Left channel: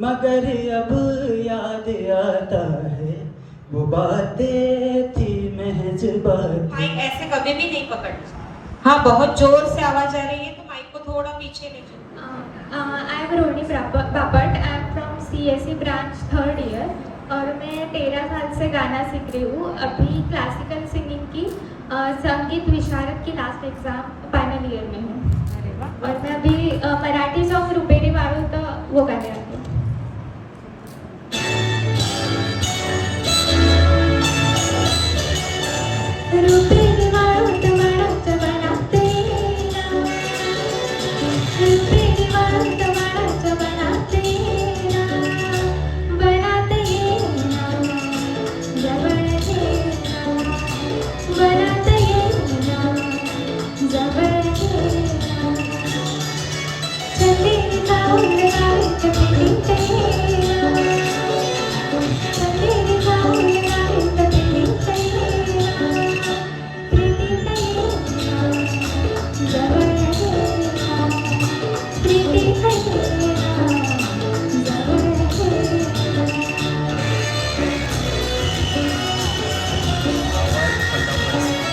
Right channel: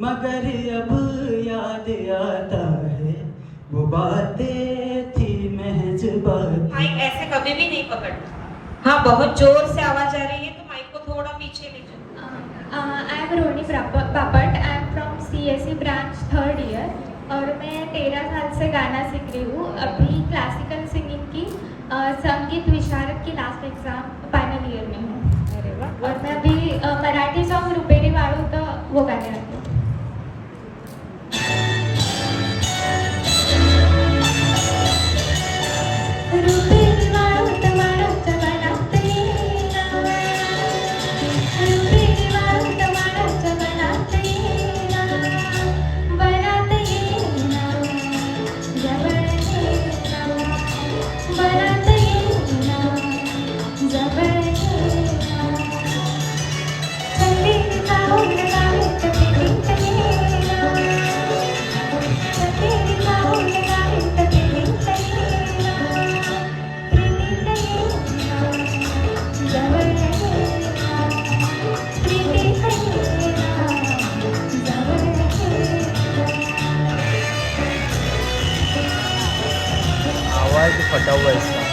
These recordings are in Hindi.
मगर अब याद आता है वो बातें थी महज बातें। माइक ऐसे कभी भी नहीं पकड़ना। हाँ, बहुत जोर से आवाज आ रही है तो माइक को थोड़ा पीछे ले जाओ। I am Roni Bapat. I am from CSE branch 3rd year और मैं 13 साल से गाना सीख रही हूँ। अभी क्लासिकल सिंगिंग की संगीत विशारद की लास्ट एग्जाम फाइनल ईयर में हूँ और मैं अभी मराठी सॉन्ग रुपेरी वाळू तो वो गाने आती हूँ। रुपेरी वाळू तो वाळूच बनाते ना, रुपेरी वाळू तो वाळूच बनाते ना, बनाते ना, जवळ ये ना, बनाते ना, जवळ ये ना, चंदेरी जाऊन गावीत पिंडीचे ना, चंदेरी जाऊन गावीत पिंडीचे ना, प्रीतीचे ना, जवळ ये ना, प्रीतीचे ना, जवळ ये ना। आवाज फटा हुआ है इसका।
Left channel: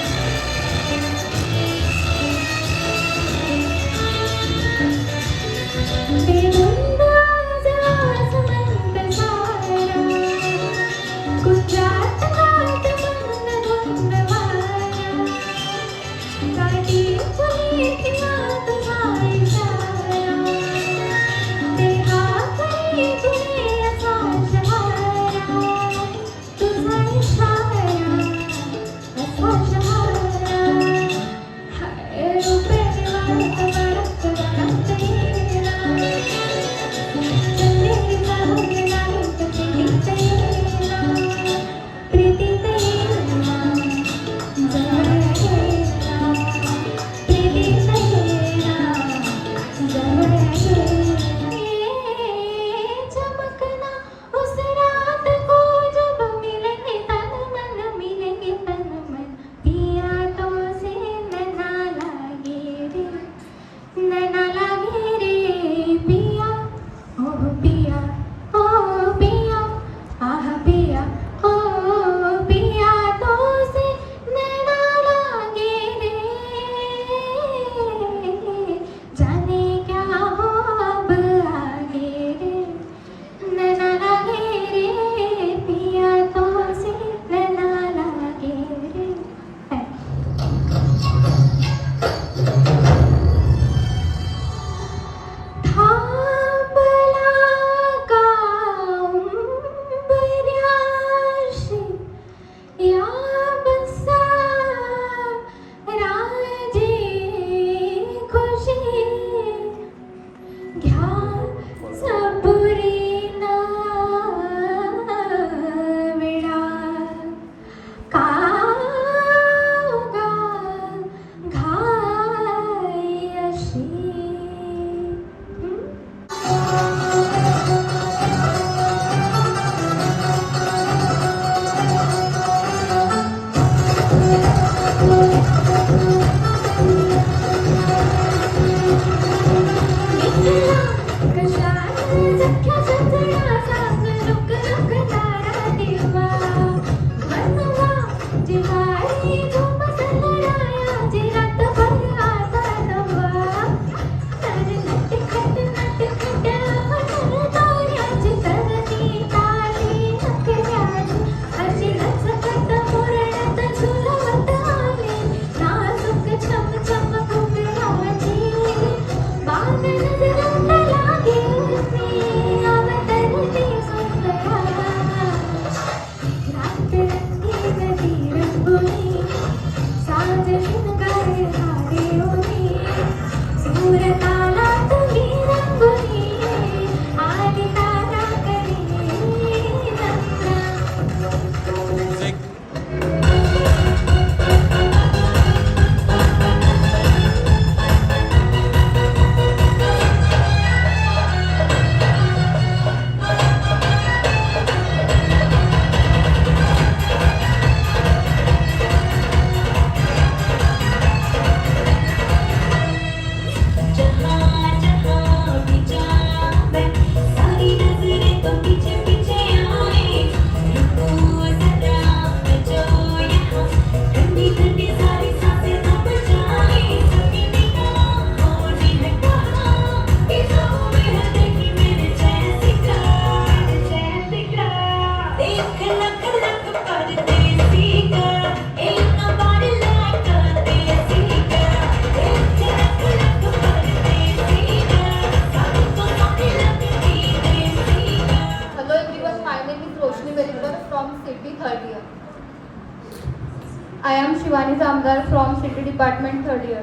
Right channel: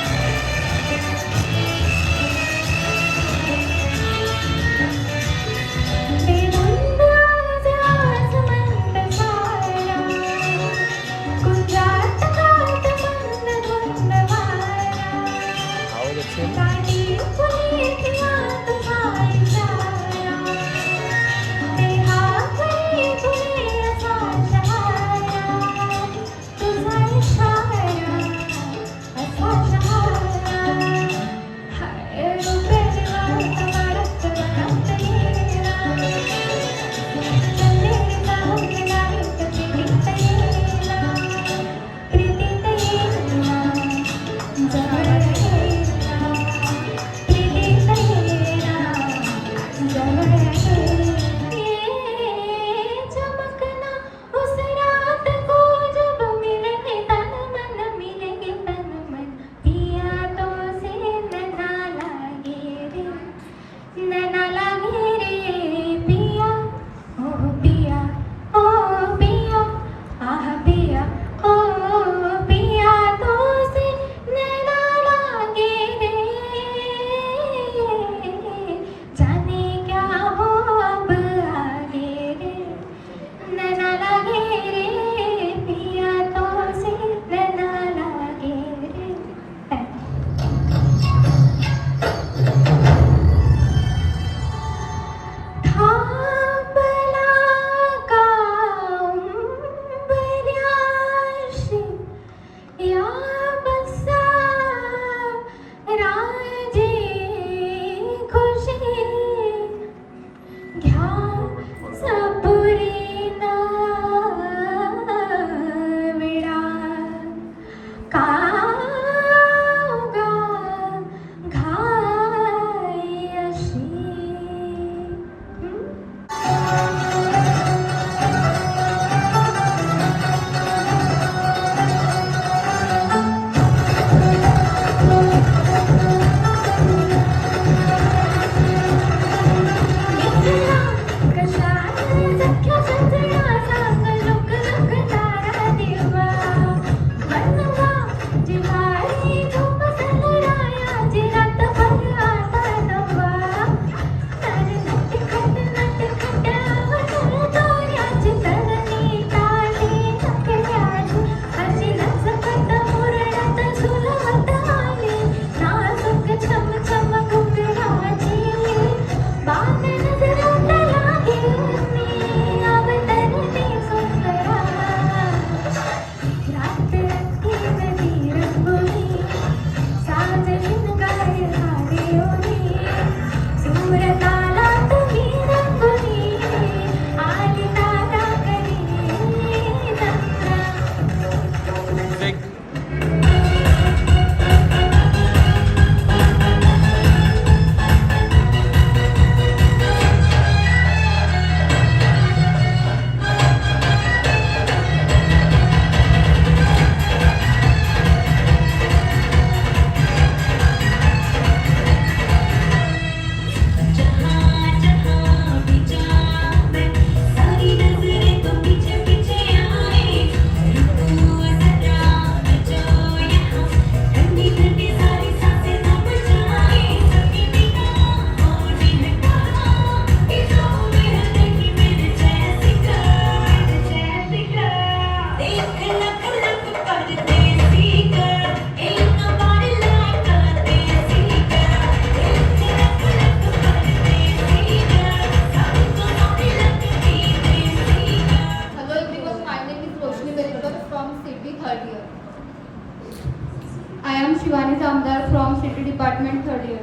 Shivani Jamdar from city department third year.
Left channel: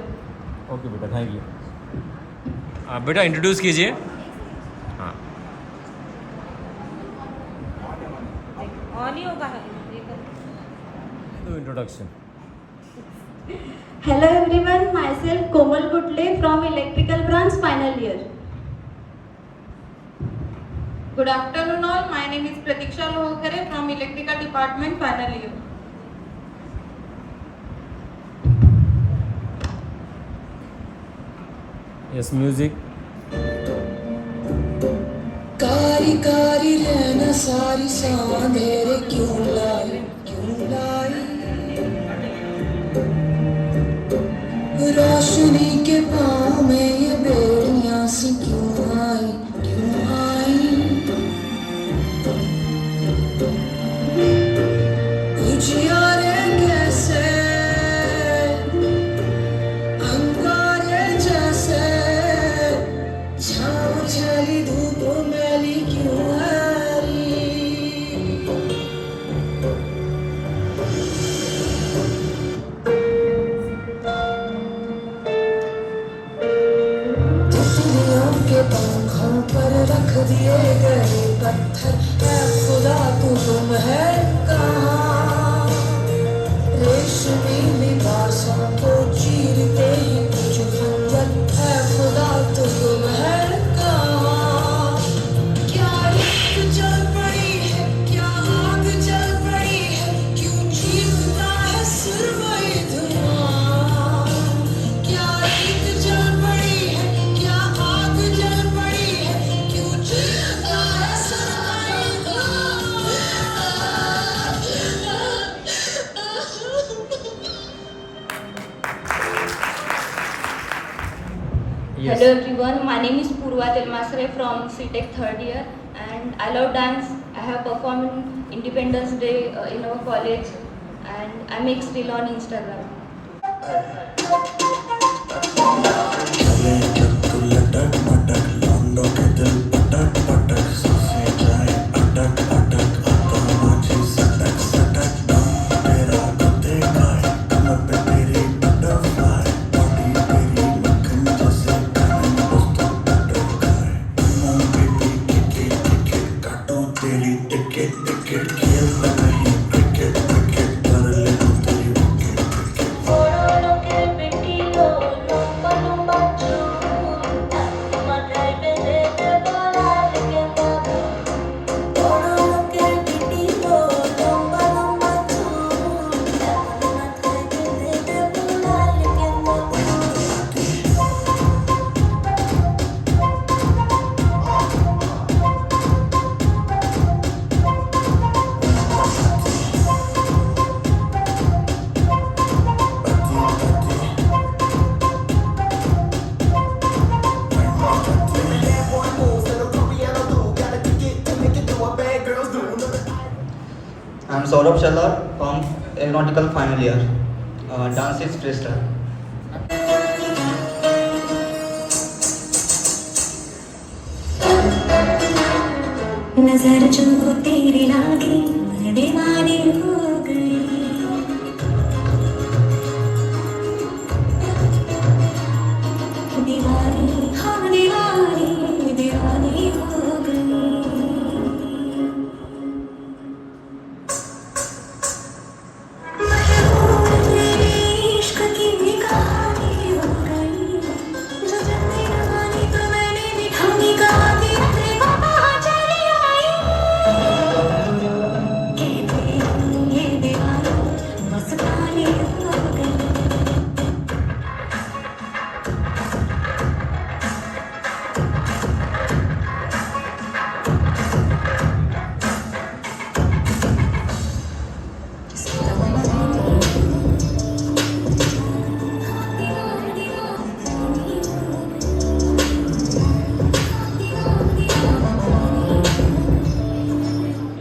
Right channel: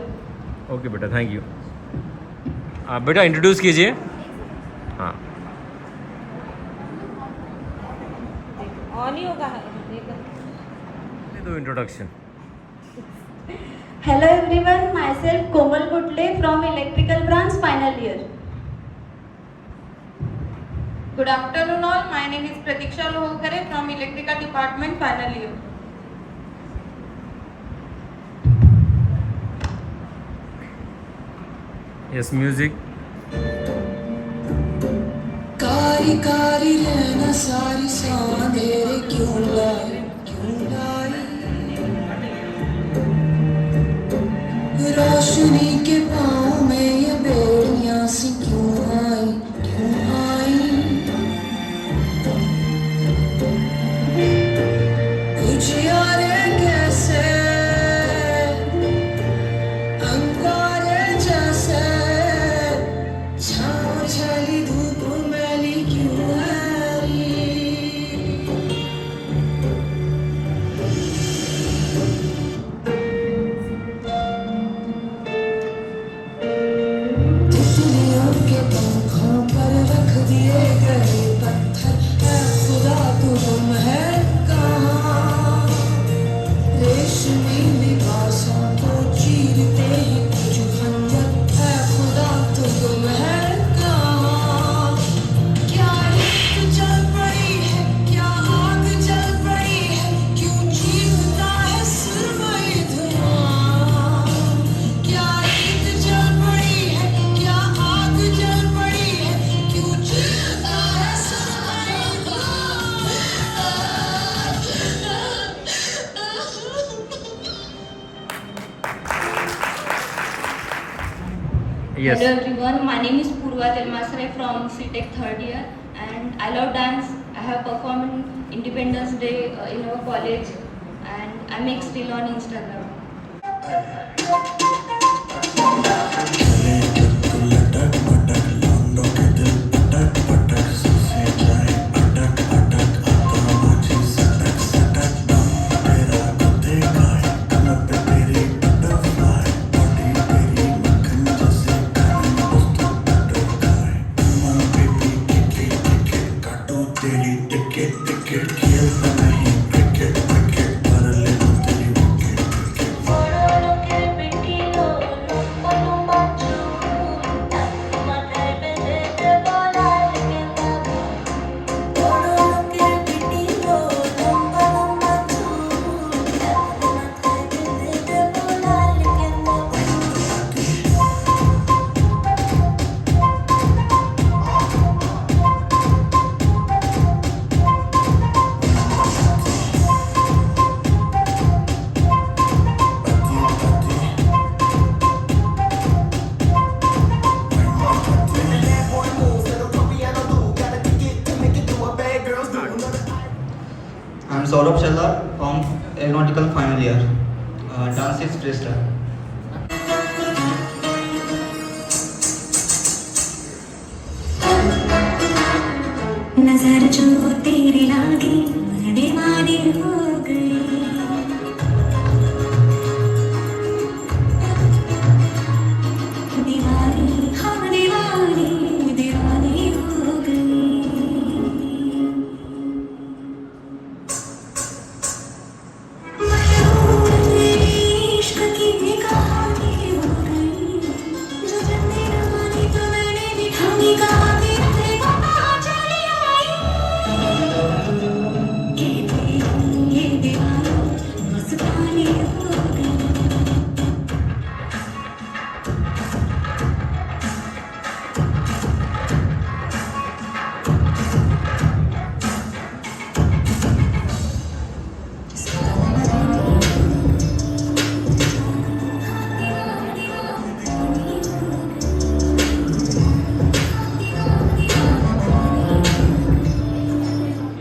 Okay बेटा, थैंक यू. आप बेटा इंट्रोड्यूस कीजिए. हाँ. ऑन ही होगा ना. दो introduction. Hello everyone, myself Komal Gutle from Electrical Branch final year. Good afternoon all. My name is Pratiksha Lohkare from Electrical Department final year. Yes, music. कारी कारी रहना सारी सांधेरे क्यों लाई रोशनी के पाँव में ये बेड़ियां सी क्यों आई उजियारे कैसे अंगारे जैसे छाँव छली धूप मैली क्यों हरी तितलियों के पंखों पर रख दिए गए पत्थर है खुदा तू गुम है कहाँ रेशमी लिबासों को चीरते ही कुछ खंजर है खुदा तू गुम है कहाँ क्या एक जल पड़ी है क्या आग जल पड़ी है क्यों चीखता है सुरमई धुआं क्या एक जल पड़ी है क्या आग जल पड़ी है क्यों चीखता है सुरमई धुआं. Yes. Hello everyone, my name is Purva Telmasre from CTech third year and I love dance. I have performed in Independence Day in our college and I make reel on Instagram. I am Saurabh Shallar from Aeronautical final year. Dance is freestyle. नजर जो तेरी लागी मैं दीवानी हो गई दीवानी हम दीवानी दीवानी हो गई इश्क की कहानी हो गई जो जन्मे रवानी तो मैंने भी ठानी कहानी अपने बाबा चली आई कहते ये दीवानी मस्तानी हो गई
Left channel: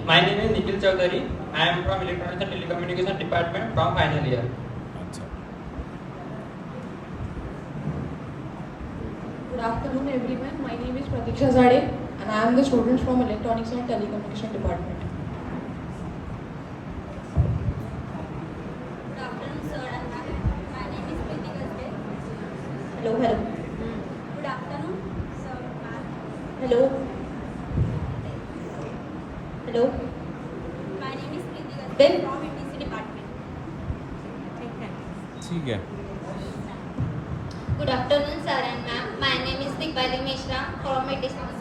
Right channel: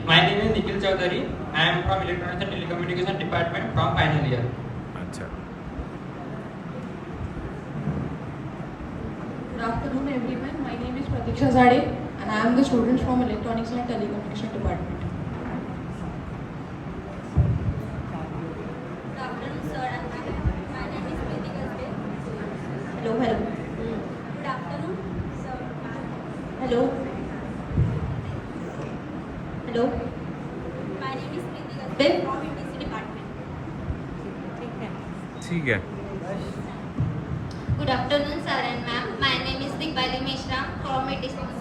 My name is Nikhil Chaudhary. I am from Electronics and Telecommunication Department from final year. अच्छा. Good afternoon everyone. My name is Pratiksha Zade and I am the student from Electronics and Telecommunication Department. Good afternoon sir, Hello, hello. Good afternoon, sir, ma'am. Hello. Hello. My name is Preeti Gaspe from ETC department. ठीक है. Good afternoon, sir and ma'am. My name is Dipali Mishra from ETC department.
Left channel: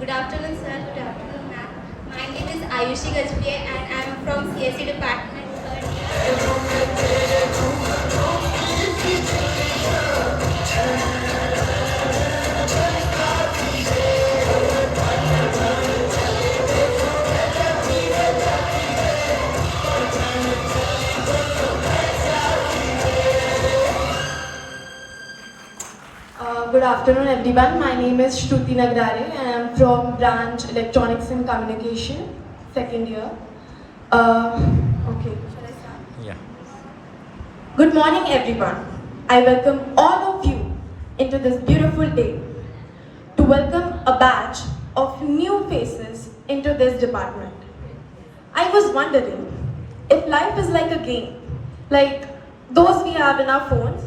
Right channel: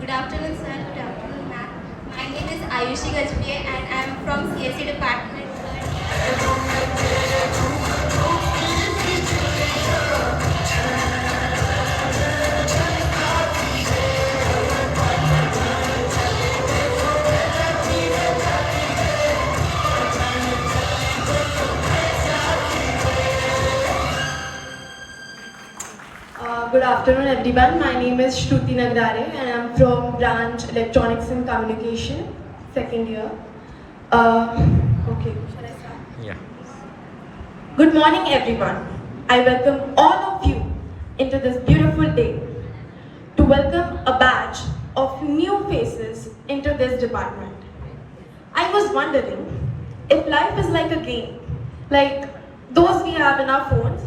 Good afternoon, sir. Good afternoon, ma'am. My name is Ayushi Gajpie and I am from CSE department. Good afternoon, everyone. My name is Shruti Nagdare and I am from branch Electronics and Communication, second year. Okay, shall I start? Yeah. Good morning, everyone. I welcome all of you into this beautiful day to welcome a batch of new faces into this department. I was wondering if life is like a game, like those we have in our phones.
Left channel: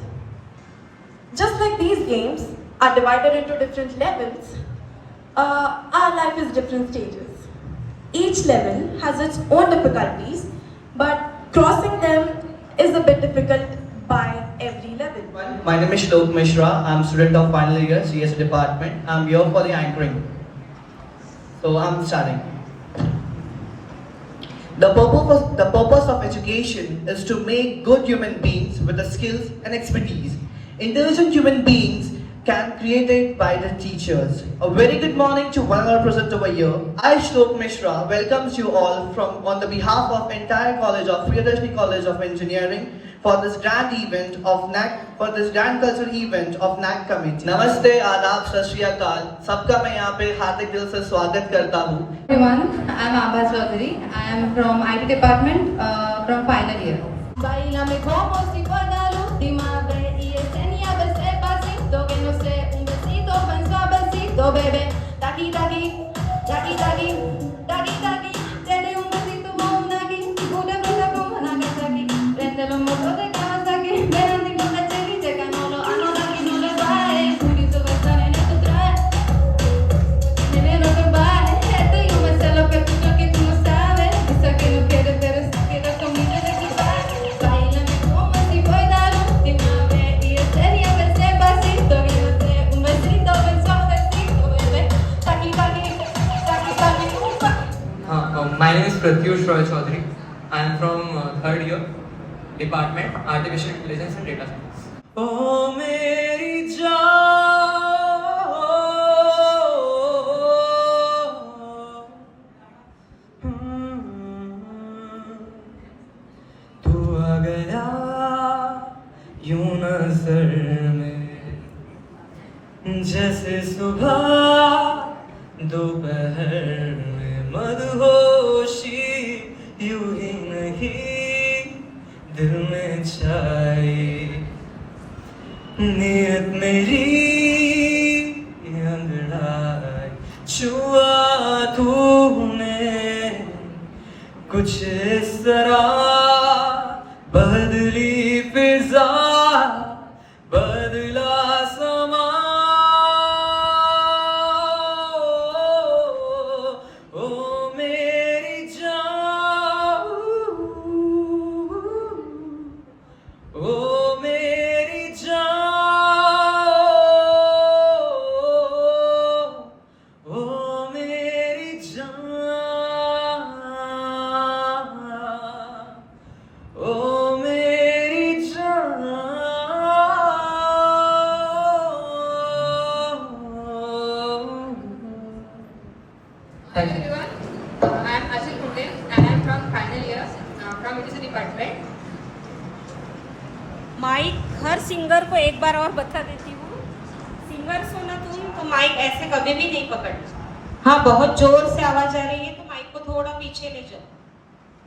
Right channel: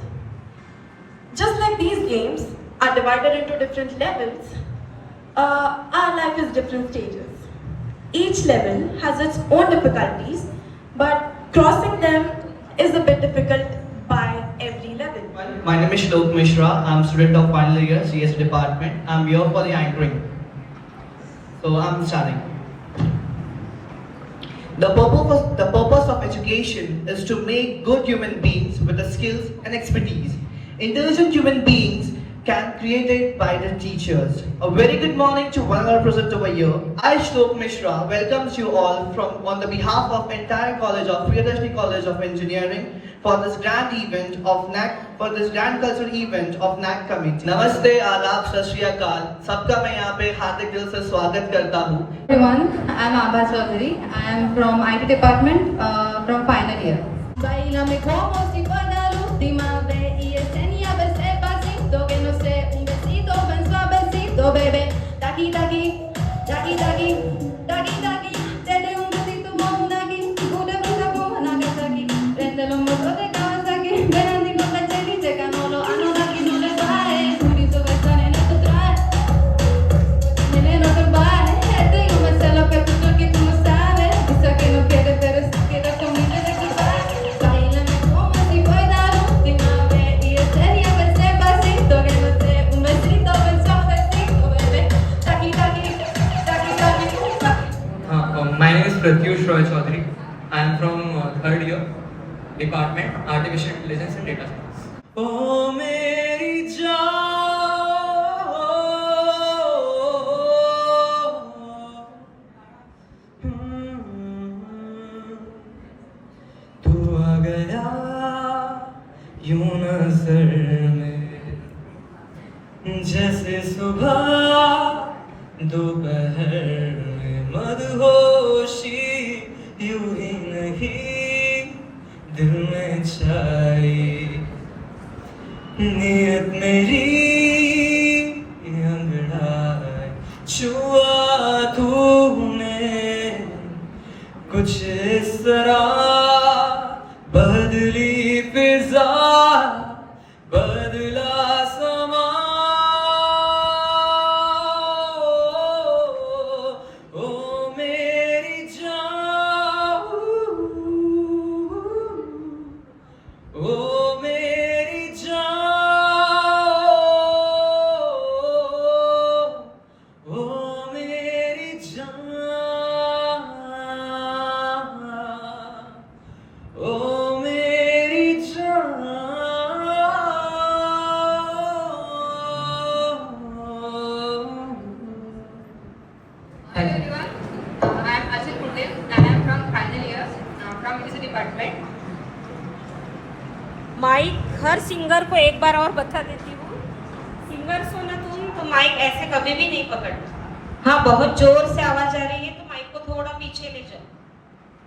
Just like these games are divided into different levels, our life is different stages. Each level has its own difficulties, but crossing them is a bit difficult by every level. My name is Shlok Mishra. I'm a student of final year CS department. I'm here for the anchoring. So I'm starting. The purpose of education is to make good human beings with the skills and expertise. Intelligent human beings can create it by the teachers. A very good morning to one more present over here. I, Shlok Mishra, welcomes you all from on the behalf of entire college of Priyadashni College of Engineering for this grand event of NAC, for this grand cultural event of NAC committee. Namaste, आदाब, सत श्री अकाल. सबका मैं यहाँ पे हार्दिक दिल से स्वागत करता हूँ. Everyone, I am Abha Chaudhary. I am from IT department, from final year. Bailame como si fuera la última vez y enséñame ese pasito que no sé, un besito bien suavecito, bebé. Taki taki, taki taki, taki taki. Dale un besito más aquí, pura vida como Nagasaki. Prende los motores de Kawasaki, ven y no me chirite que no lo aquí no le baje. Purito va a estar en tu traje, nene no te bajes. Yo me sé lo que tú no sabes. Dice que no quieres, pero si quieres conmigo de equipaje. Báilame como si fuera la última vez y enséñame ese pasito que no sé, un besito bien suavecito, bebé. Taki taki, taki taki. My name is Pratyush Roy Chaudhary. I am from third year, department Artificial Intelligence and Data Science. Oh, मेरी तू आ गया यूं नजर में जैसे सुबह दोपहर में मदहोशी नियत मेरी अंगड़ाई छुआ तूने कुछ इस तरह बदली फिजा बदला समा ओ मेरी जान ओ मेरी जान ओ मेरी जान ओ मेरी जान Hello everyone, I am Achal Patel and I am from final year from Literature department. Mic हर सिंगर को एक बार और बता देती हूँ, सिंगर्स हो ना तुम तो माइक ऐसे कभी भी नहीं पकड़ना। हाँ, बहुत जोर से आवाज आ रही है तो माइक को थोड़ा पीछे ले जाओ,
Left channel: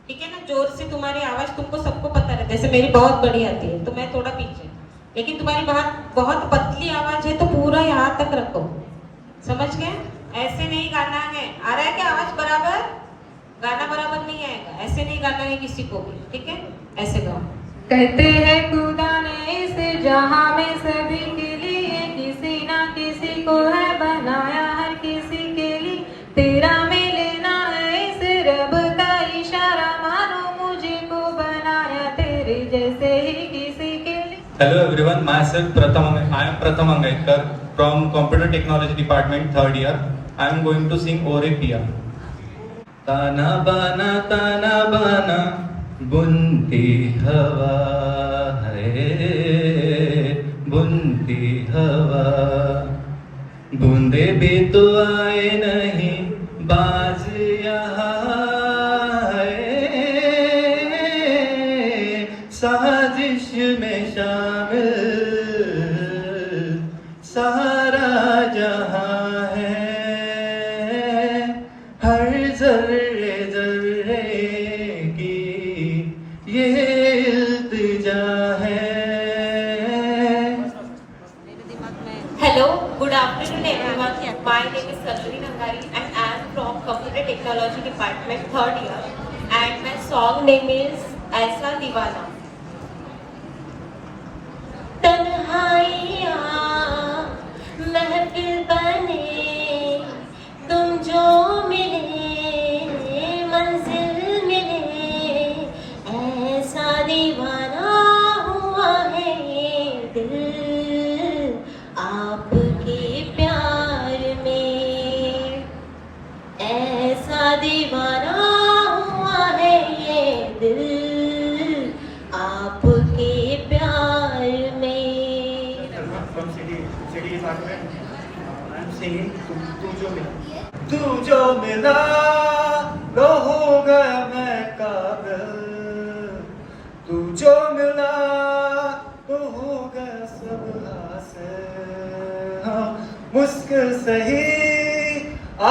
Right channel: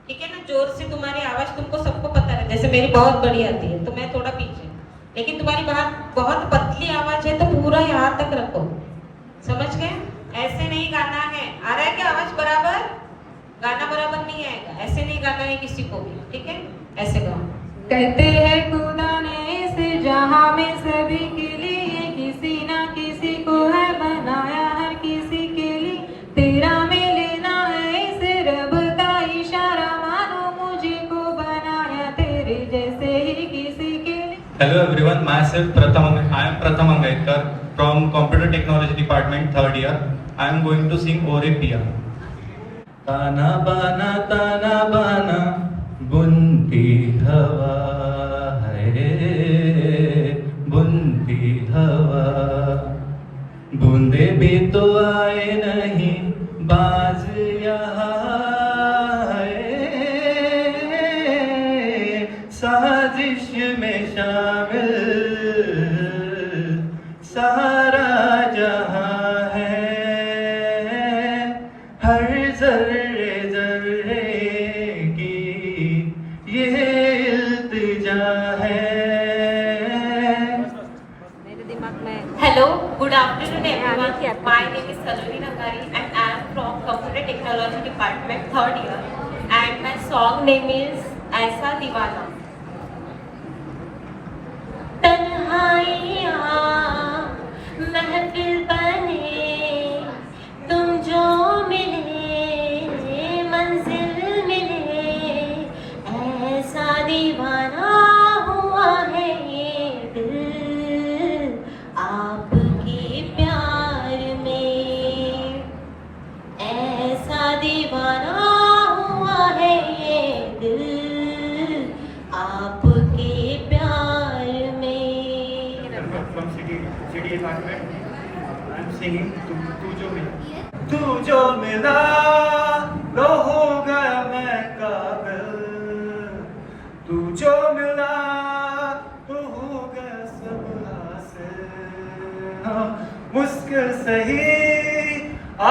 ठीक है ना। जोर से तुम्हारी आवाज तुमको सबको पता है, जैसे मेरी बहुत बड़ी आती है तो मैं थोड़ा पीछे, लेकिन तुम्हारी बहुत पतली आवाज है तो पूरा यहाँ तक रखो, समझ गए। ऐसे नहीं गाना है। आ रहा है क्या आवाज बराबर? गाना बराबर नहीं आएगा, ऐसे नहीं गाना है किसी को भी, ठीक है। ऐसे गाओ। कहते हैं खुदा ने इस जहां में सभी के लिए किसी ना किसी को है बनाया, हर किसी के लिए तेरा में लेना है इस रब का इशारा, मानो मुझे को बनाया तेरे जैसे ही किसी के लिए। Hello everyone, myself I am Pratham Angaikar from Computer Technology Department 3rd year. I am going to sing Orik Diya. ताना बाना बुनती हवा है, बुनती हवा बूंदे भी तो आए नहीं बाज यहाँ है, साजिश में शामिल सारा जहां है, हर जर्रे जर्रे की ये इल्तिजा है। Hello, good afternoon everyone. My name is Sarjini Nangari and I am from Computer Technology Department 3rd year and my song name is Aisa Divana. तन्हाइयाँ महफिल बने तुम जो मिले मंजिल मिले, ऐसा दीवाना हुआ है ये दिल आपके प्यार में, ऐसा दीवाना हुआ है ये दिल आपके प्यार में। From city department, I am singing तू जो मिला लो हो गया मैं काबिल, तू जो मिला तो हो गया सब हासिल, मुश्किल सही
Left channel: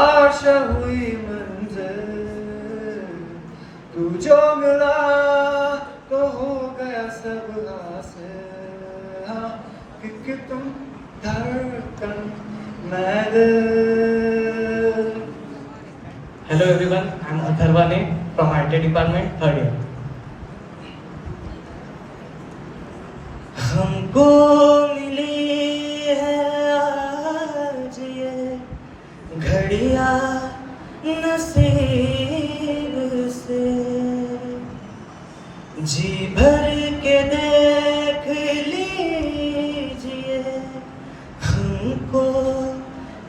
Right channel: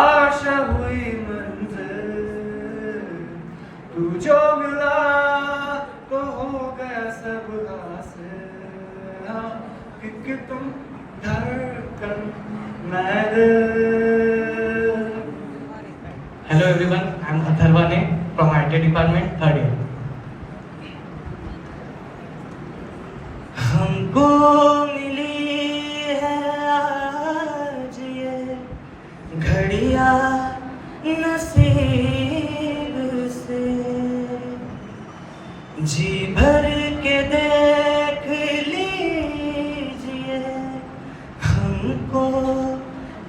आशा हुई मंजिल, तू जो मिला तो हो गया सब हासिल, क्योंकि तुम धड़कन मैं दिल। Hello everyone, I am Atharvane from IT department 3rd year. हमको मिली है आज ये घड़ियां नसीब से, जी भर के देख लीजिए हमको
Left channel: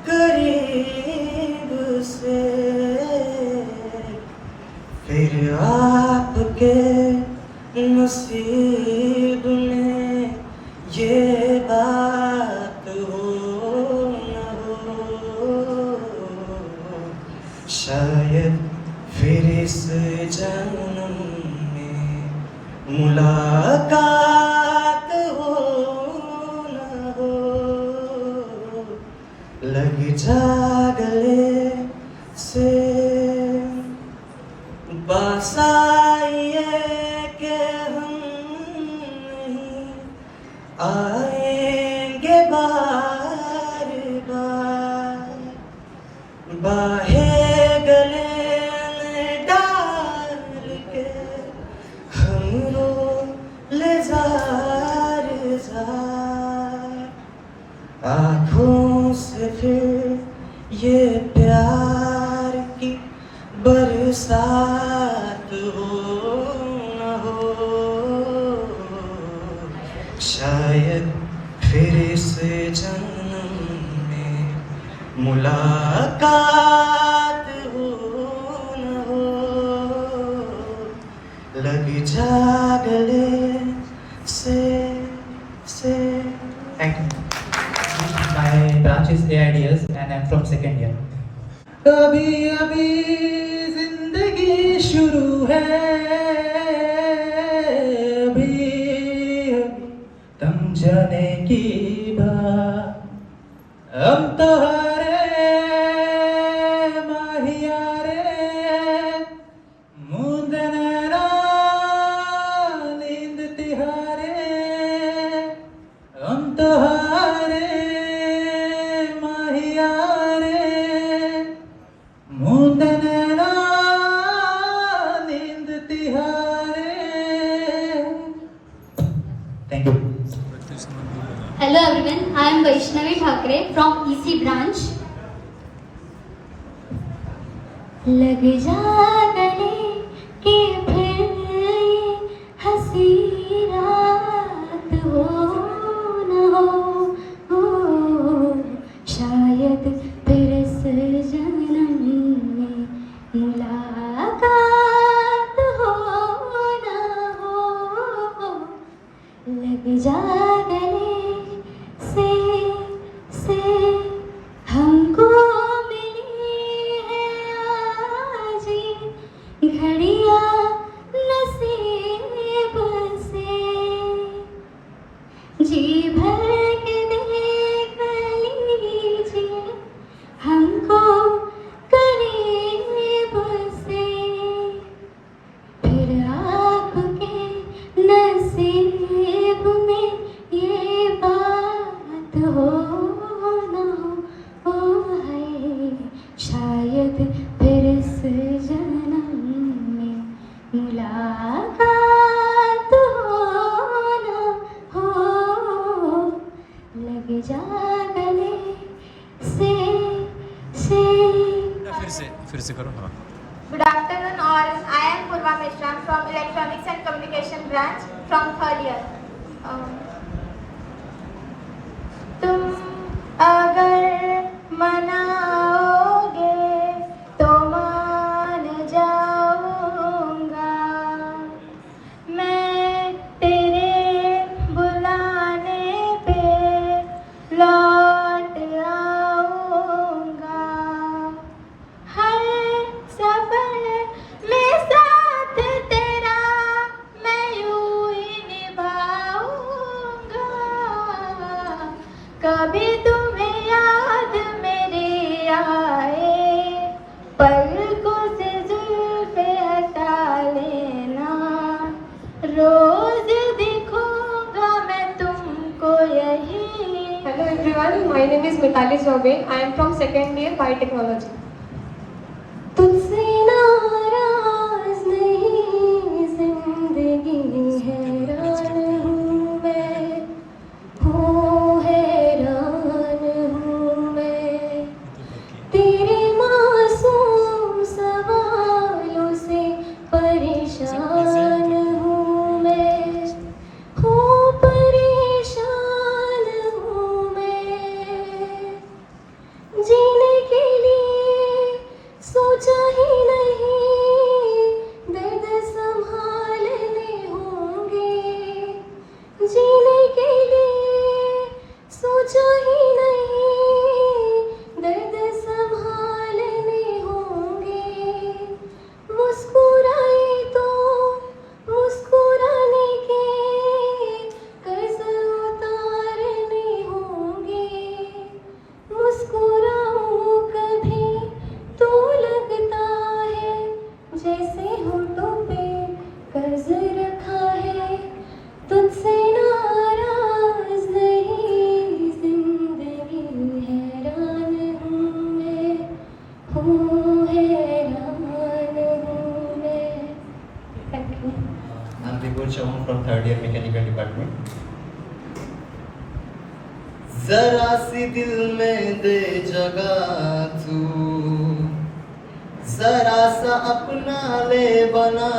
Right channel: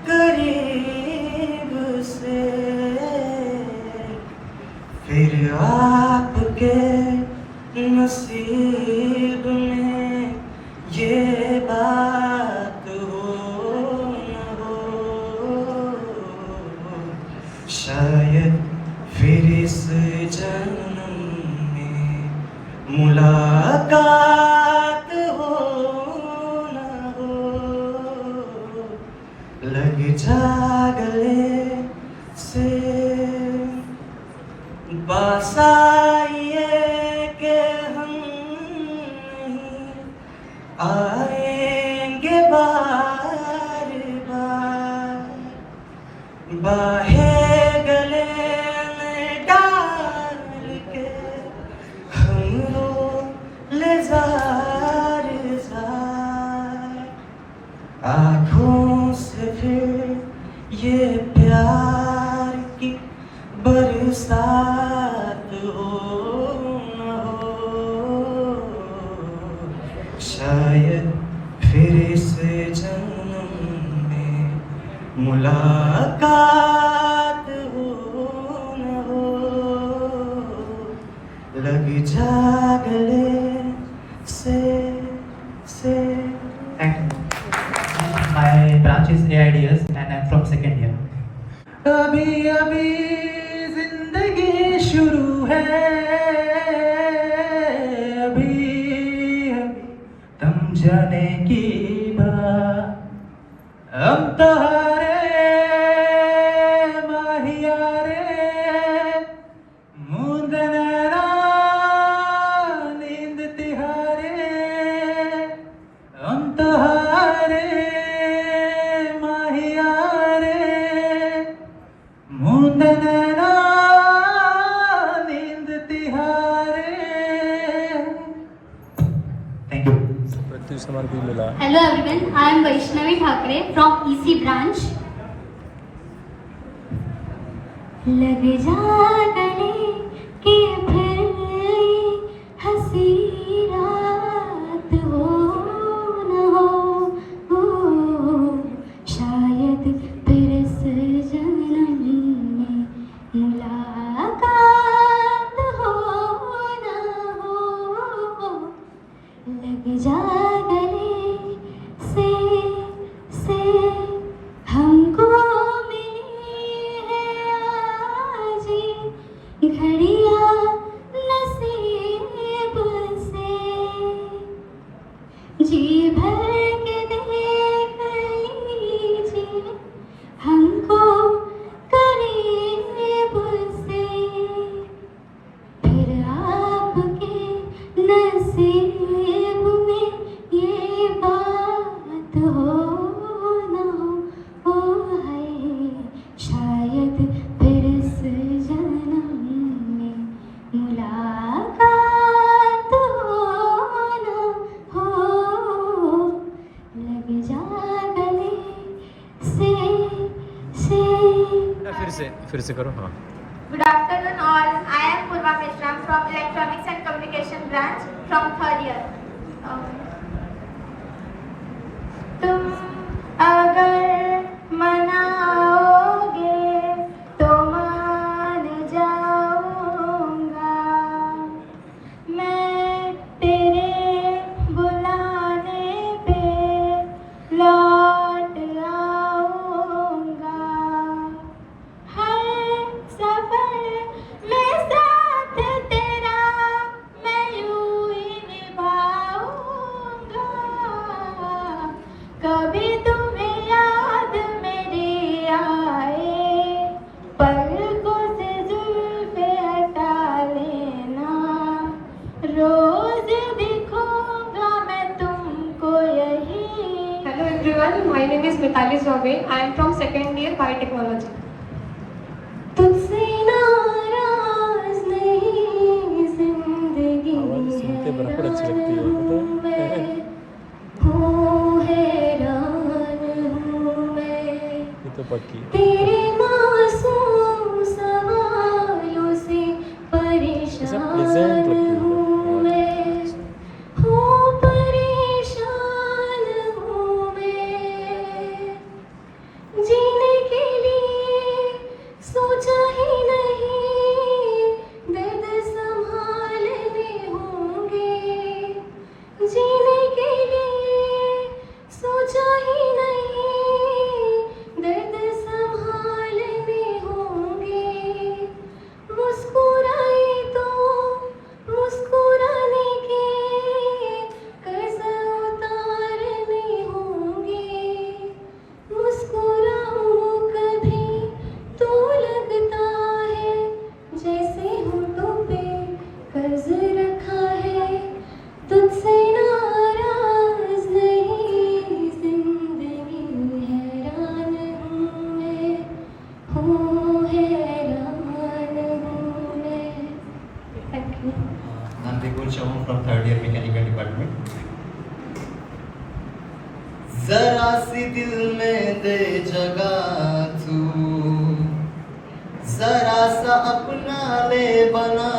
करीब से, फिर आप ये प्यार की बरसात हो न हो, शायद फिर इस जन्म में मुलाकात हो न हो, लग जा गले से Thank you. My branch is AIDS and I'm from second year. अभी अभी जिंदगी शुरू है, अभी अभी तुम जाने की बात, हम तो हारे माहिया रे, मूंद नैना नींद तिहारे, हम तो हारे माहिया रे, मूंद नैना नींद तिहारे. Thank you. प्रत्युष कुमार बिल्ला. Hello everyone, I am Vaishnavi Thakre from EC branch. लग जा गले कि फिर ये हंसी रात हो न हो, शायद फिर इस जन्म में मुलाकात हो न हो, लग जा गले से हमको मिली है आज घड़ियां नसीब से, जी भर के देख लीजिए हमको करीब से, फिर आपके नसीब में ये बात हो न हो, है शायद फिर इस जन्म में मुलाकात हो न हो, लग जा गले से फिर से करो. हाँ. Good afternoon all. I am Purva Mishra from Electronics and Communication branch from third year. तुम अगर मनाओगे तो मान जाऊंगा, मैं तेरे बुलाने पे लौट आऊंगा, हर सफर में साथ तेरा मैं यूं ही निभाऊंगा, कभी तुम्हें याद मेरी आए पलकों से जुल्फे हटा लेना, रोज दिखूंगा मैं तुमको यही. Hello everyone, my name is Mitali Zobe. I am from second year biotechnology. तुझसे नाराज नहीं जिंदगी हैरान हूँ मैं, हूँ हैरान हूँ मैं, तेरे मासूम सवालों से परेशान हूँ मैं, हूँ परेशान हूँ मैं, जीने के लिए जरा सी दिल में दे जगह तू, जरा सा अपना ले बना,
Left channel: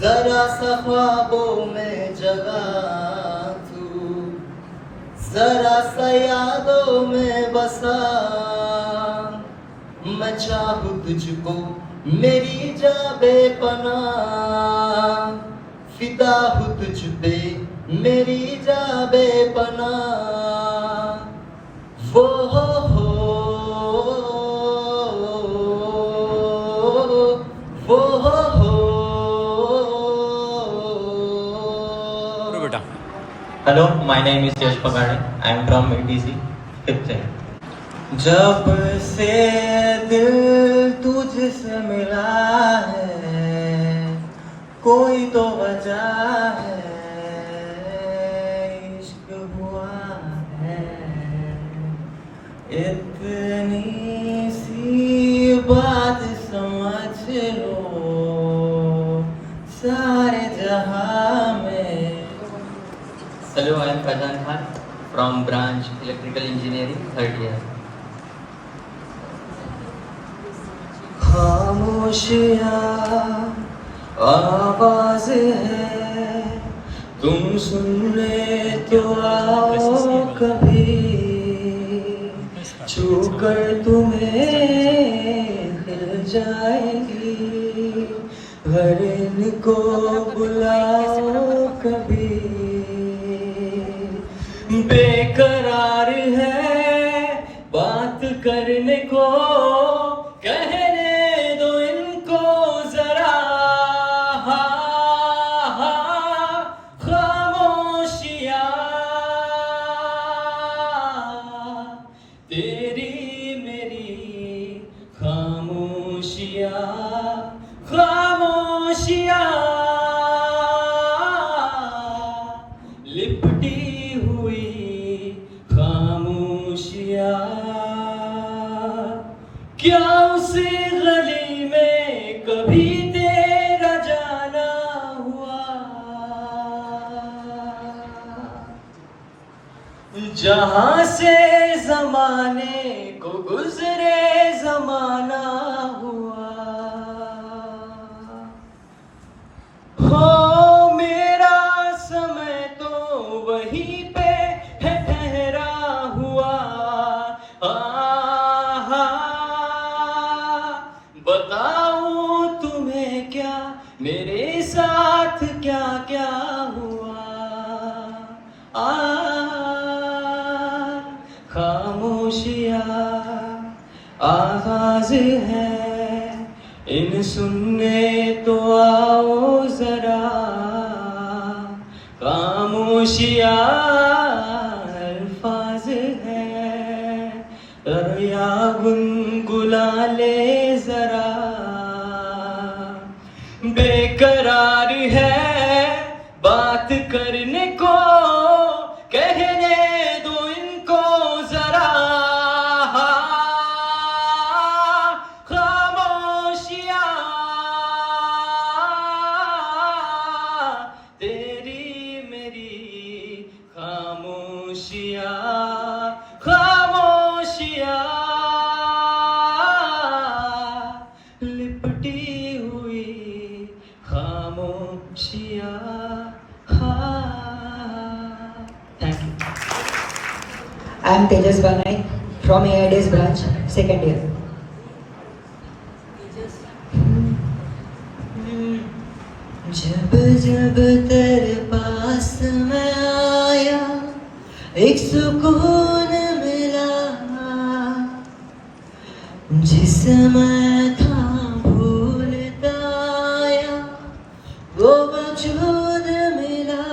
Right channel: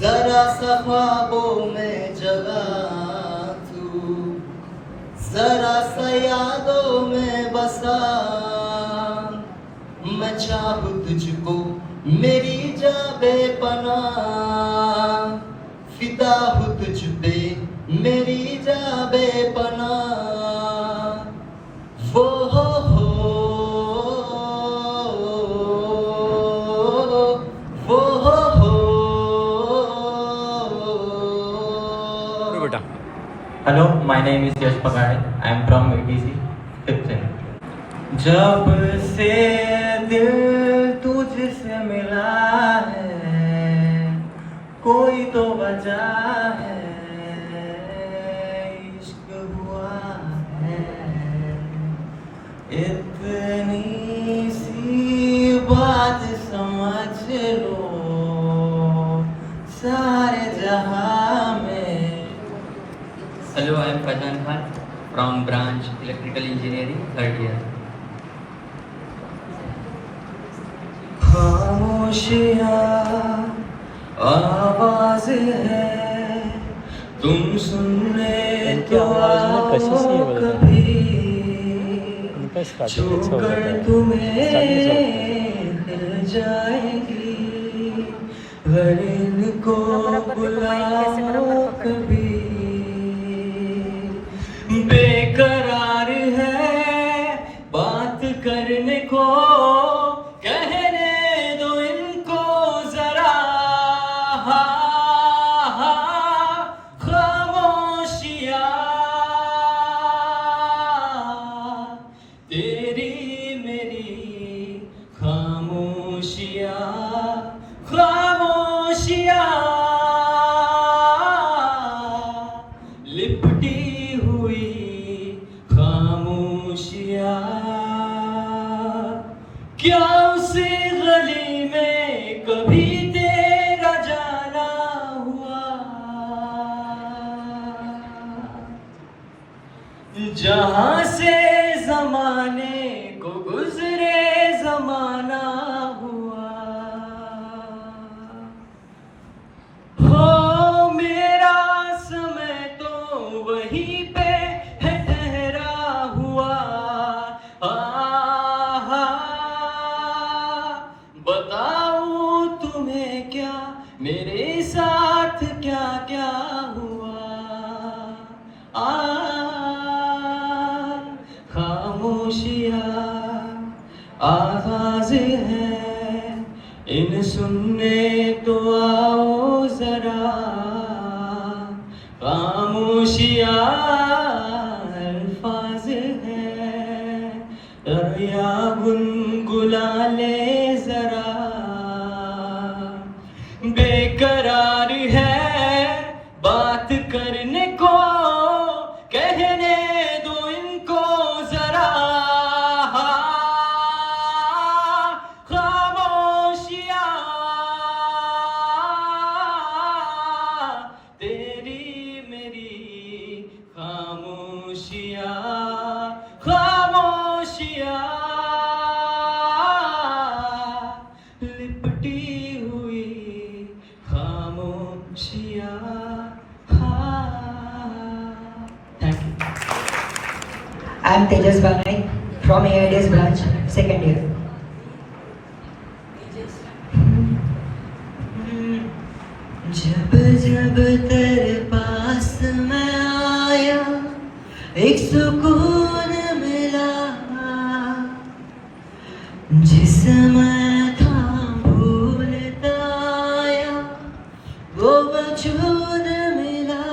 जरा सा ख्वाबों में जगह तू, जरा सा यादों में बसा। मैं चाहूं तुझको मेरी जा बेपना, फिदा हूँ तुझ पे मेरी जा बेपना। वो बेटा Hello, my name is Yash Pagade. I am from ABC 5th year. जब से दिल तुझसे मिला है, कोई तो वजह है, इश्क हुआ है। इतनी सी बात समझ लो सारे जहां में। Hello, I am Faihan Khan from branch Electrical Engineering 3rd year. खामोशियाँ आवाज़ है, तुम सुनने तो आओ कभी, छूकर तुम्हें हिल जाएगी, हर इनको बुलाओ कभी। बेकरार है बात करने को, कहने दो इनको जरा, खामोशियाँ तेरी मेरी खामोशियाँ, खामोशियाँ लिपटी हुई खामोशियाँ। क्या उसे गली में कभी तेरा जाना हुआ, जहाँ से जमाने को गुजरे जमाना हुआ। हो मेरा समय तो वहीं पे है ठहरा हुआ। बताऊं तुम्हें क्या मेरे साथ क्या क्या हुआ। खामोशियाँ आवाज़ है, इन सुनने तो आओ जरा। खामोशियाँ अल्फाज है, या गुनगुना ले जरा। बेकरार है बात करने को, कहने दो इनको जरा। खामोशियाँ तेरी मेरी खामोशियाँ, खामोशियाँ लिपटी हुई खामोशियाँ। Thank you. I am Tejas Banai from AIDS branch, 2nd year. जब जब तेरे पास मैं आया, एक सुकून मिला, जिसे मैं था भूलता आया, वो वजूद मिला।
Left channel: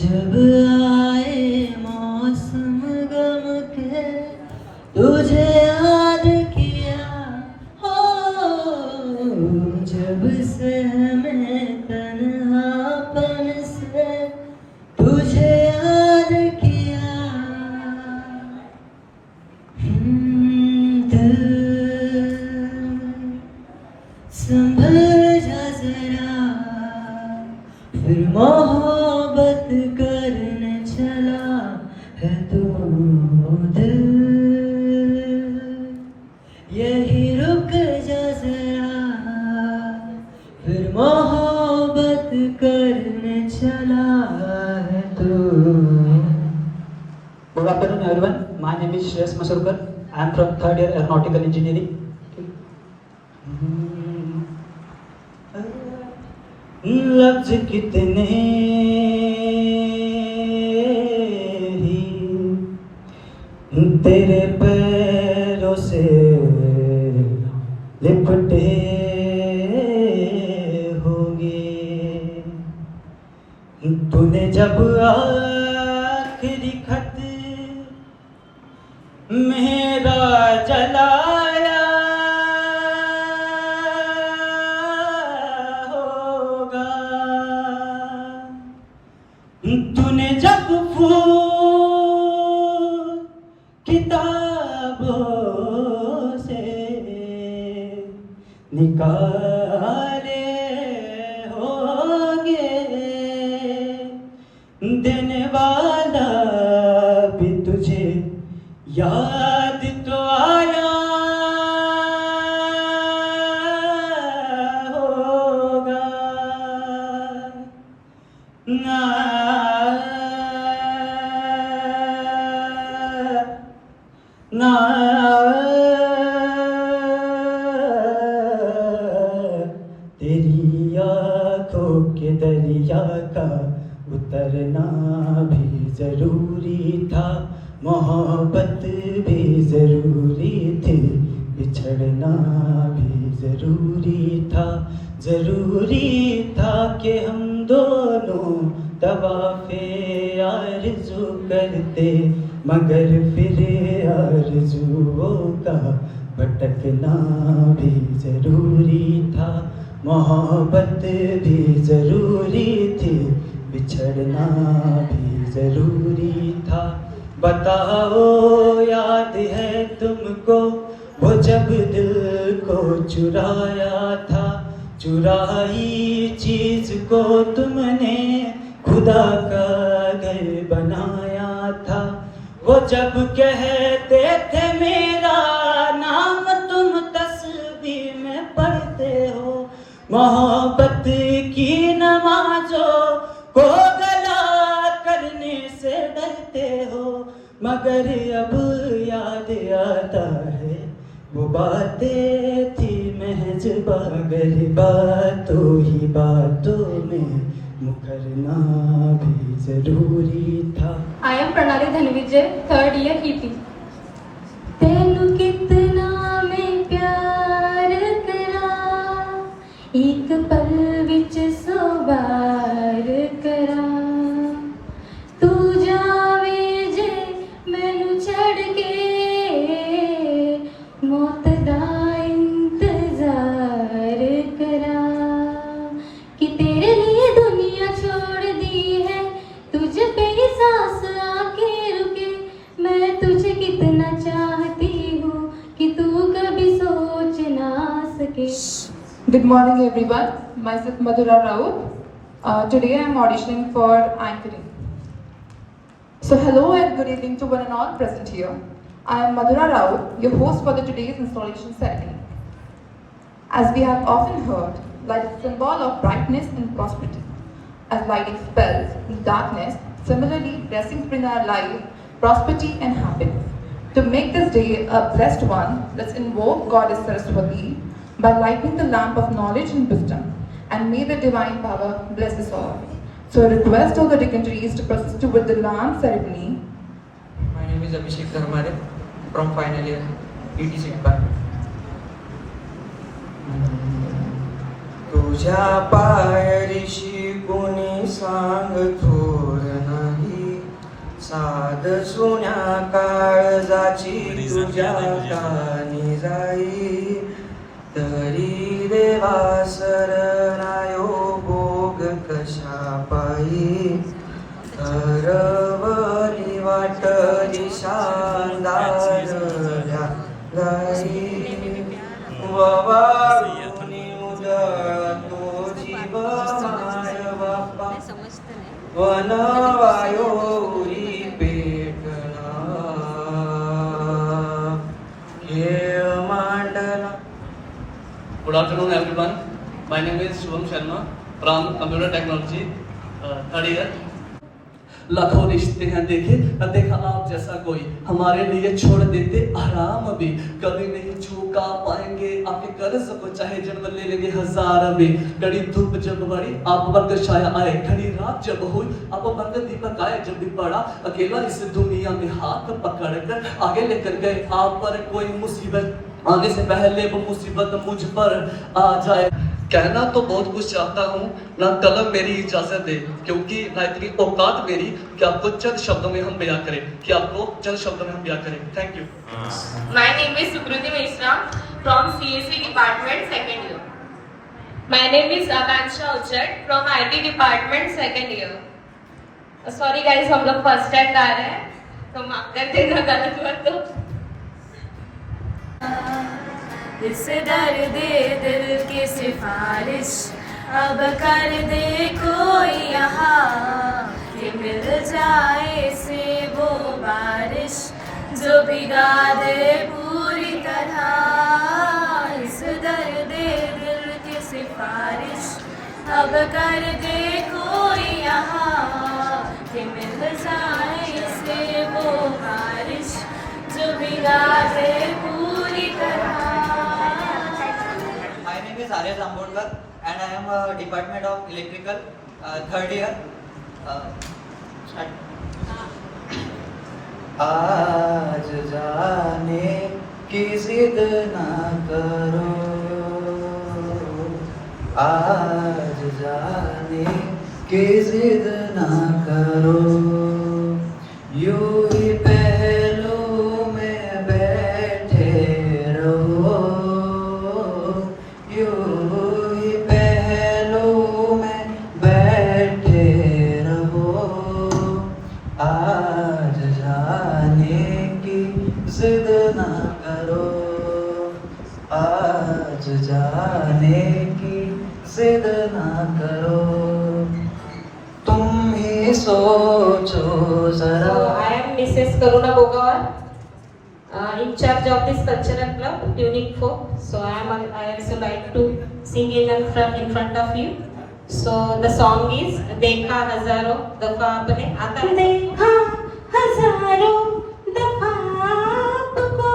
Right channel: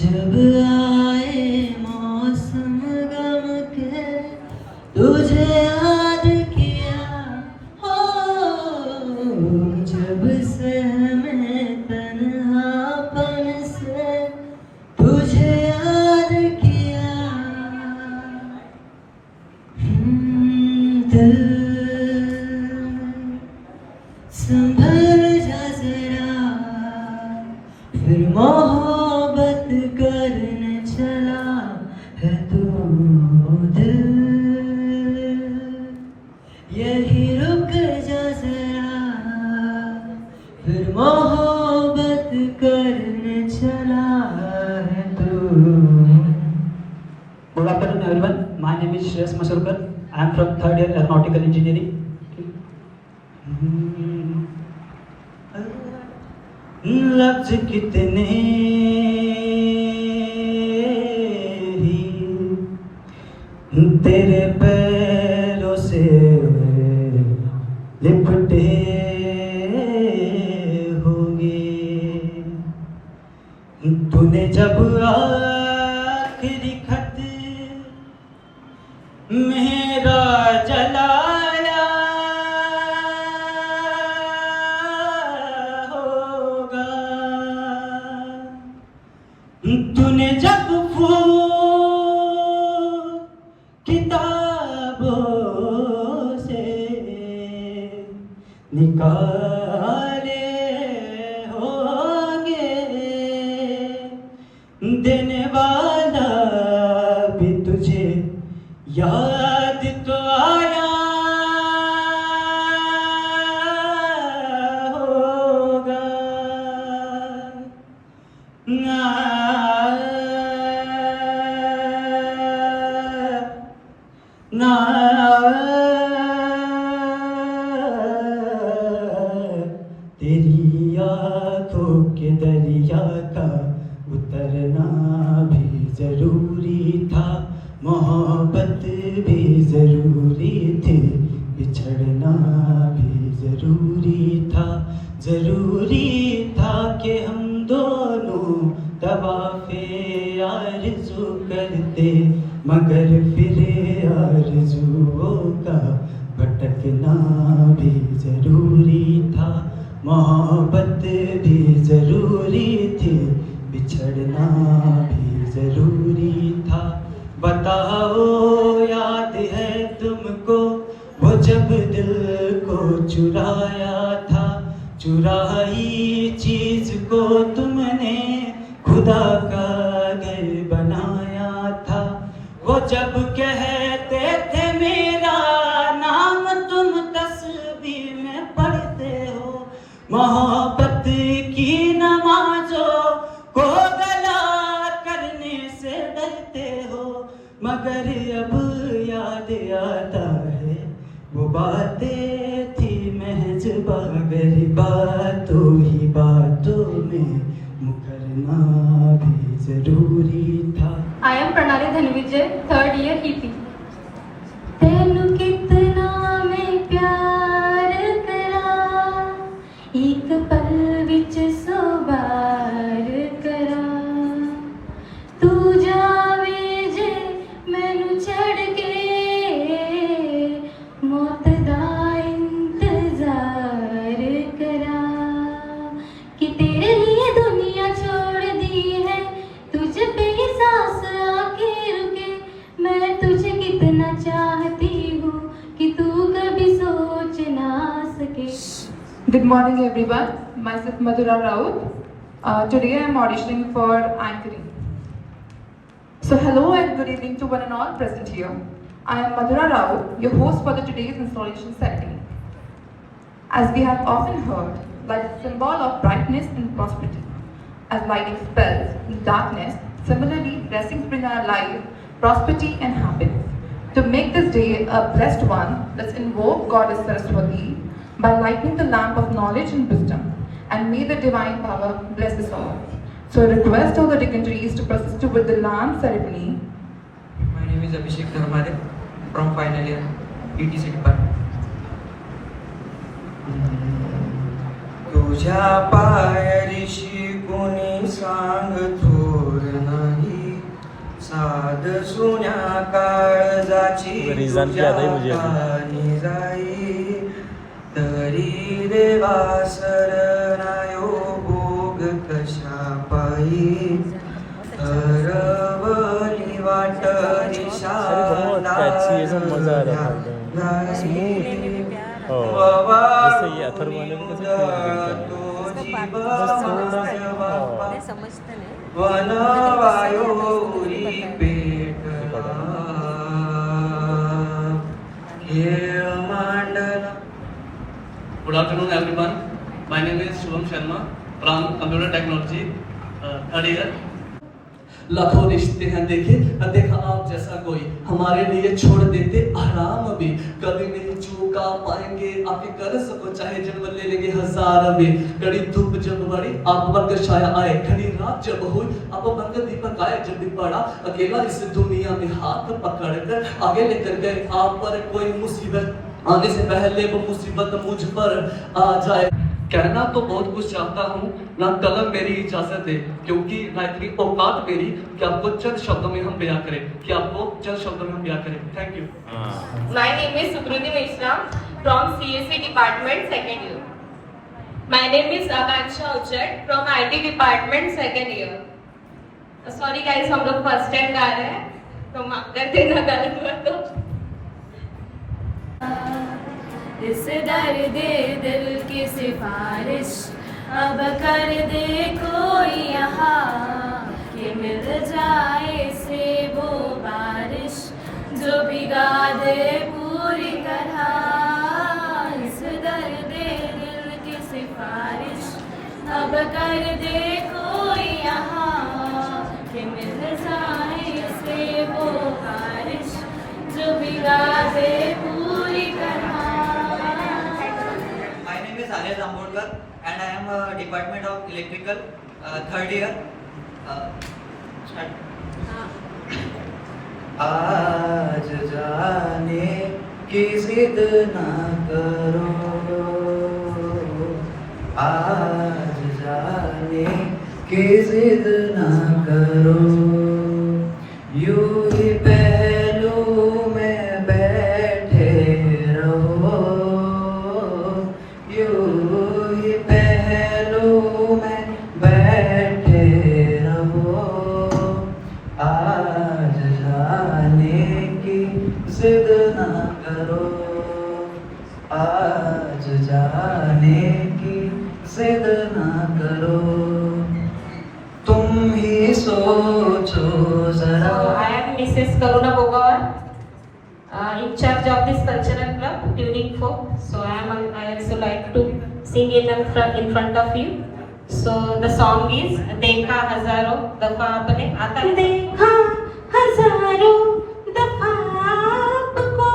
जब आए मौसम गम के, तुझे याद किया। जब से हमें तन्हापन से तुझे याद किया। दिल संभल जा जरा, फिर मोहब्बत मोहब्बत करने चला है तू दिल, यही रुक जा जरा, फिर मोहब्बत करने चला है तू. Good afternoon everyone. My name is Shreyas Masurkar. I am from third year aeronautical engineering. लफ्ज कितने ही तेरे पैरों से लिपटे होंगे, तूने जब आखिरी खत मेरा जलाया होगा, तूने जब फूल किताबों से निकाले होंगे, देने वाला भी तुझे याद तो आया होगा. ना ना तेरी आँखों के दरिया का उतरना भी जरूरी था, मोहब्बत भी जरूरी थी, बिछड़ना भी जरूरी था कि हम दोनों तवाफ़े आरज़ू करते, मगर फिर आरज़ुओं का भटकना भी जरूरी था, मोहब्बत भी जरूरी थी, बिछड़ना भी जरूरी था. बताओ याद है तुमको वो जब दिल को चुराया था, चुराई चीज को तुमने खुदा का घर बनाया था. वो जब कहते थे मेरा नाम तुम तस्बीह में पढ़ते हो, मोहब्बत की नमाजों को गला करने से डरते हो, मगर अब याद आता है वो बातें थी महज मगर बातों ही बातों में मुकरना भी जरूरी था. I am Pranali Dhanvijay, third year EP. तेनू कितना मैं प्यार करा, एक पल विच सौ बार करा, तू जावे जे मैनू छड़ के मौत दा इंतजार करा, कि तेरे लिए दुनिया छोड़ दी है, तुझ पे ही सांस आके रुके, मैं तुझे कितना चाहती हूँ कि तू कभी सोच ना सके. Good morning everyone, myself Madhura Raut. Today I am auditioning for anchoring. So hello and good evening to one and all present here. I am Madhura Raut, your host for the today's installation ceremony. As we have often heard, light is a symbol of brightness and prosperity. As light expels the darkness, similarly blessings bring our life prosperity and happiness. To make this day a blessed one, let's invoke Goddess Saraswati by lighting the lamp of knowledge and wisdom, and may the divine power bless us all. So I request all the dignitaries to proceed with the lamp ceremony. My name is Abhishek Dharmare from final year ETC department. तुझ्या पायरीशी कोणी सांग थोर नाही, साध सोन्या काळजाची तुझ्या कानी जाई, तरी देवा सरनायो भोग कशा पायी, तरवली वाट निशादार गाई, ववानी मुदा तो जीवा मार बापा, वनवायोरी पेटला खेळ मांडला. Good afternoon, everyone. My name is Shubham Sharma from Computer Technology, third year. लाखों रिश्ते हैं देखे न देखा आप जैसा कोई, हमारे लिए छोड़ देते आराम भी, कभी नहीं चूका पाएंगे आपके कर्ज को, चाहे जन्म ले लेंगे हजार भी. कड़ी धूप जब बढ़ी आप बनकर छाया आए, खड़ी रात जब हुई आप बनकर दीपक आए. जब भी पड़ा अकेला इस दुनिया में हाथ पकड़ कर आगे लेकर गए आप पर कोई मुसीबत आने से पहले वो मुसीबत मुझ पर आ जाए. कहना तो बहुत कुछ चाहता हूँ, ना कलम मेरी इजाजत दे, क्योंकि ना इतनी औकात मेरी कि आपको चंद शब्दों में हम बयां करें, कि आपको चंद शब्दों में हम बयां करें. Thank you. My name is Sukriti Mishra from CSE department second year. My name is Akansha Uchat from IT department second year. Sorry guys, हम लोग फर्स्ट टाइम गा रहे हैं तो माफ कर देना गलत हुआ तो. इस दर्द दिल की सिफारिश अब कर दे कोई यहाँ, कि मिल जाए से वो बारिश जो भिगा दे पूरी तरह. इस दर्द दिल की सिफारिश अब कर दे कोई यहाँ, कि मिल जाए से वो बारिश जो भिगा दे पूरी तरह. My name is Arya Zambodkar and I am a Department of Electrical, third year. आज जाने की जिद ना करो, आज जाने की जिद ना करो. यूं ही पहलू में बैठे रहो, यूं ही पहलू में बैठे रहो. आज जाने की जिद ना करो, आज जाने की जिद ना करो. तुम ही सोचो जरा. I am Mrs. Karuna Bogawar, in charge of this cultural club, Tuning Folk. So I also like to sing in front of you. So the song is देखा हजारों दफा आपने, आता है? देखा हजारों दफा आपको,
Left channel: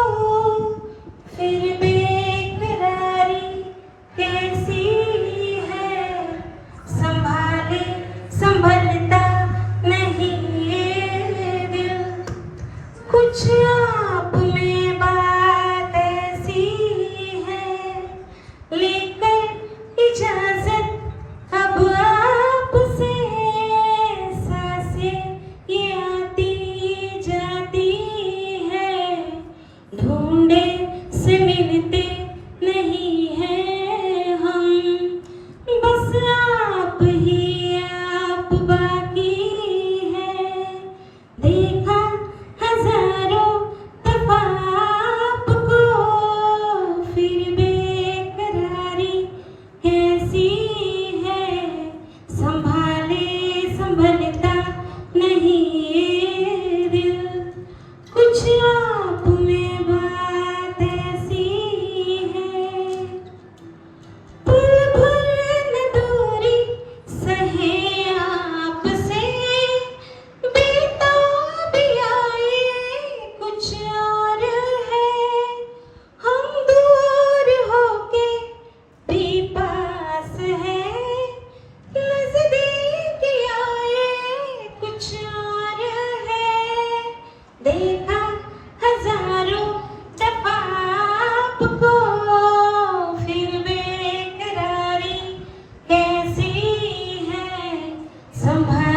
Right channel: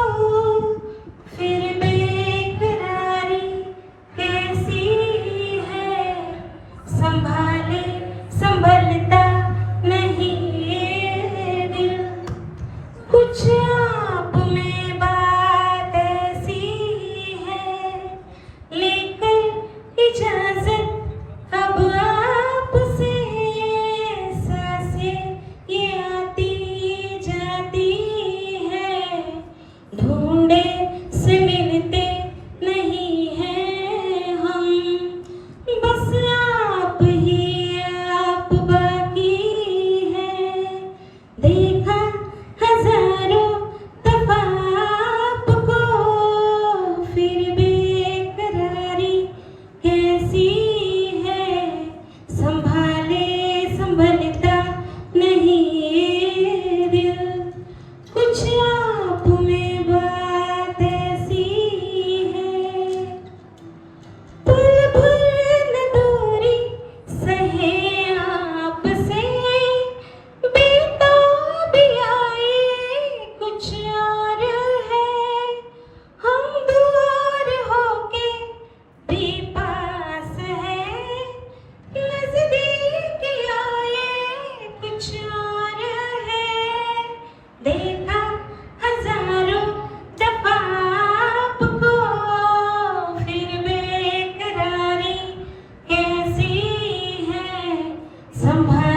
फिर बेकरारी कैसी है, संभाले संभलता नहीं ये दिल. कुछ आप में बात ऐसी है, लेकर इजाजत अब आपसे. सांसें ये आती जाती है, ढूंढे से मिलते नहीं हैं हम. बस आप ही आप बाकी हैं. देखा हजारों दफा आपको, फिर बेकरारी कैसी है, संभाले संभलता नहीं ये दिल. कुछ आप में बात ऐसी है, पल भर न दूरी सहे आपसे, बेताबी आए कुछ और है. हम दूर होके भी पास है, नजदीक आए कुछ और है. देखा हजारों दफा आपको, फिर बेकरारी कैसी है, संभाले